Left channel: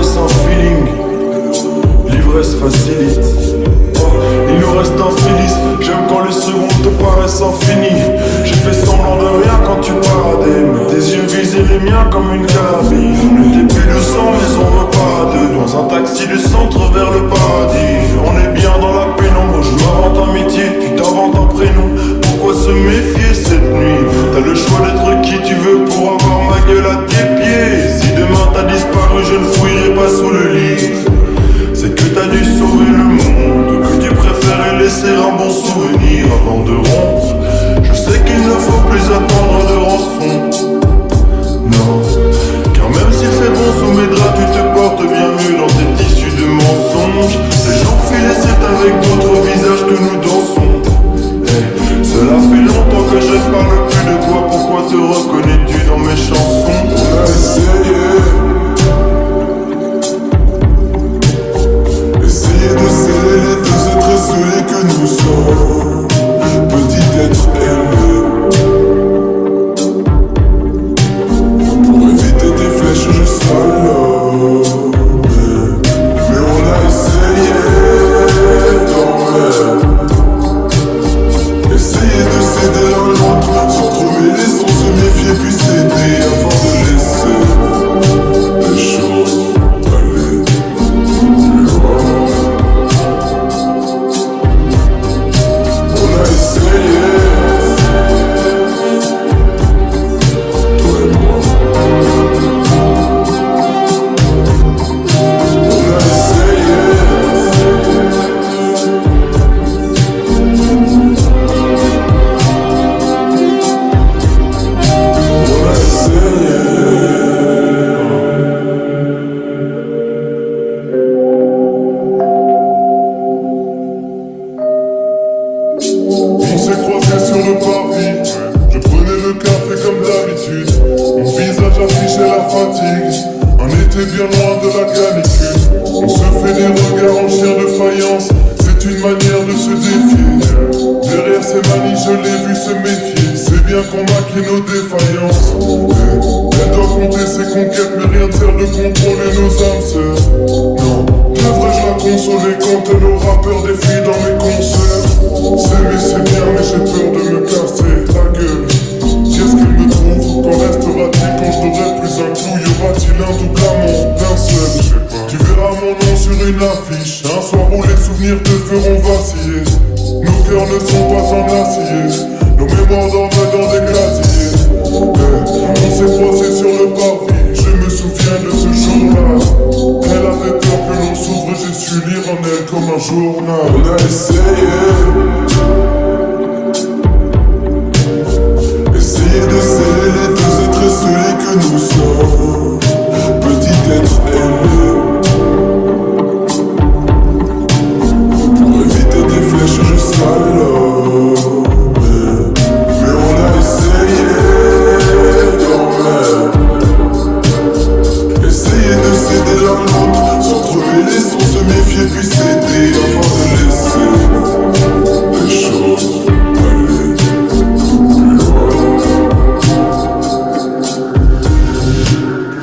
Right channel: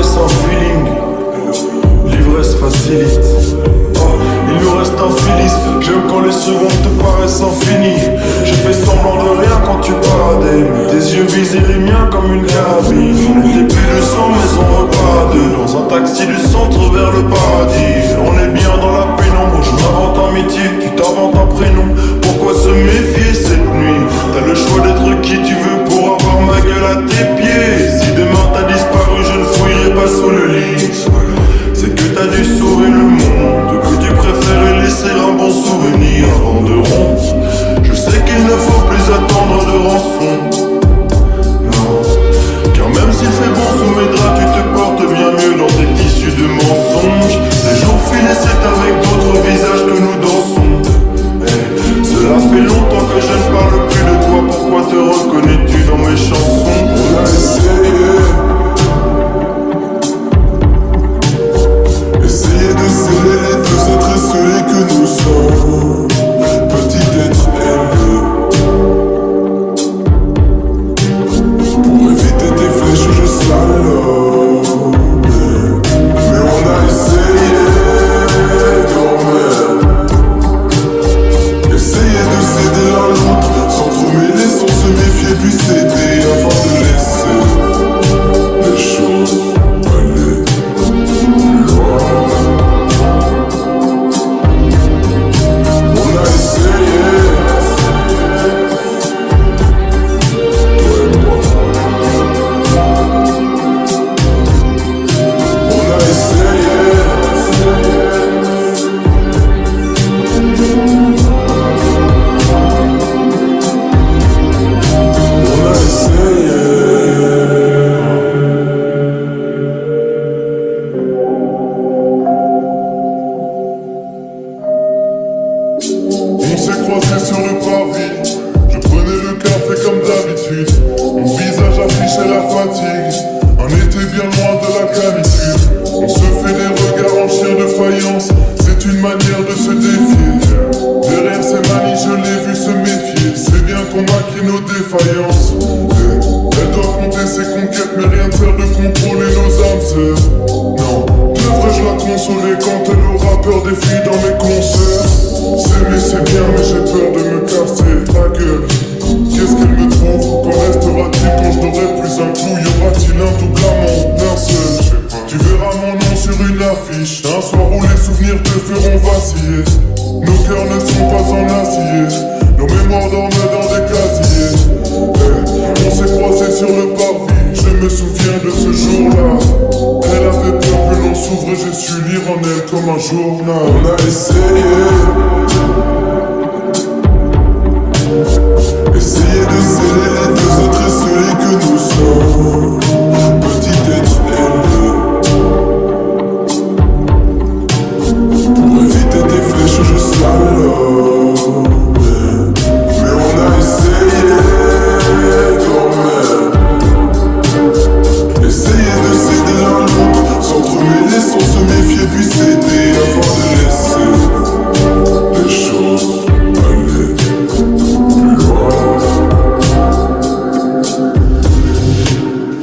paraît sans feeling. L'ivresse facilite. Oh, il nous reste un Phyllis. J'aime quand les secondes te paraissent infinies. J'ai fait semblant de rien quand tu paradais, mais tes yeux visaient les miens comme une carabine. On était plus de 100 mais on repart à deux, dans un taxi du centre vers le paradis. On est bien dans la pénombre, je m'invente un métier, tu t'inventes un prénom. Pourquoi se méfier cette nuit? T'as le choix d'être qui tu veux pour avoir ma gueule à tes pieds. Si demain t'as disparu, je ne fouillerai pas sous le lit. C'est que t'as dû sauver le monde, que tu préférais laisser un bon souvenir avant de rompre. Je sais qu'il ne faut plus attendre de rançon. Non, car même s'il fait bon sous mes draps, tu te portes bien mieux dans tes tissus de mensonges. Les jours filés, c'est avec d'autres visages que nous dansons. Hey, cela fait longtemps que je ne parle plus de toi, pourquoi te reconnais-tu dans mes chansons? On a essayé de sceller les deux êtres esselés que nous sommes. Petit être ailé. Pour éviter tes flèches je slalome. Mais on a essayé quand même. Essayer de céder l'un l'autre, s'entremêler sans se méfier puis céder, afin de laisser les choses aller plus loin. On a essayé, toi et moi. On a essayé. On a essayé. On s'est croisés sur le parvis. Je prenais le café comme d'habitude. Mon visage affichait la fatigue. Un été bien loin de la canicule. On se fait des regards en chien de faïence. C'est une manière de se défier. Derrière ces manies je l'ai vu se méfier. C'est bien qu'on maquille nos défaillances. Elle doit compter ses conquêtes, mais rien ne sert de contrôler nos âmes sœurs. Non, devrais-je la consoler quand elle aura peur des filles dans mes concerts? S'aimer c'est bien mais j'ai peur de me casser la gueule. Qu'est-ce qu'elle me trouve? Qu'en restera-t-il quand je n'aurai plus un clou? Y aura-t-il un double amant? L'un seul. Tu verras mon nom sur une affiche. Un soir où les souvenirs te feront vaciller. Nos cœurs ne sont pas en acier. Nos mémoires dorment dans des casiers. On s'est croisés sur le parvis. Je me souviens de ce jour-là. Elle avait peur que l'on s'ouvre. J'ai su lire en elle comme un journal. On a essayé. Essayer de sceller les deux êtres esselés que nous sommes. Petit être ailé. Pour éviter tes flèches je slalome. Mais on a essayé quand même. Essayer de céder l'un l'autre, s'entremêler sans se méfier puis céder, afin de laisser les choses aller plus loin.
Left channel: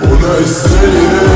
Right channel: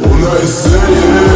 On a essayé.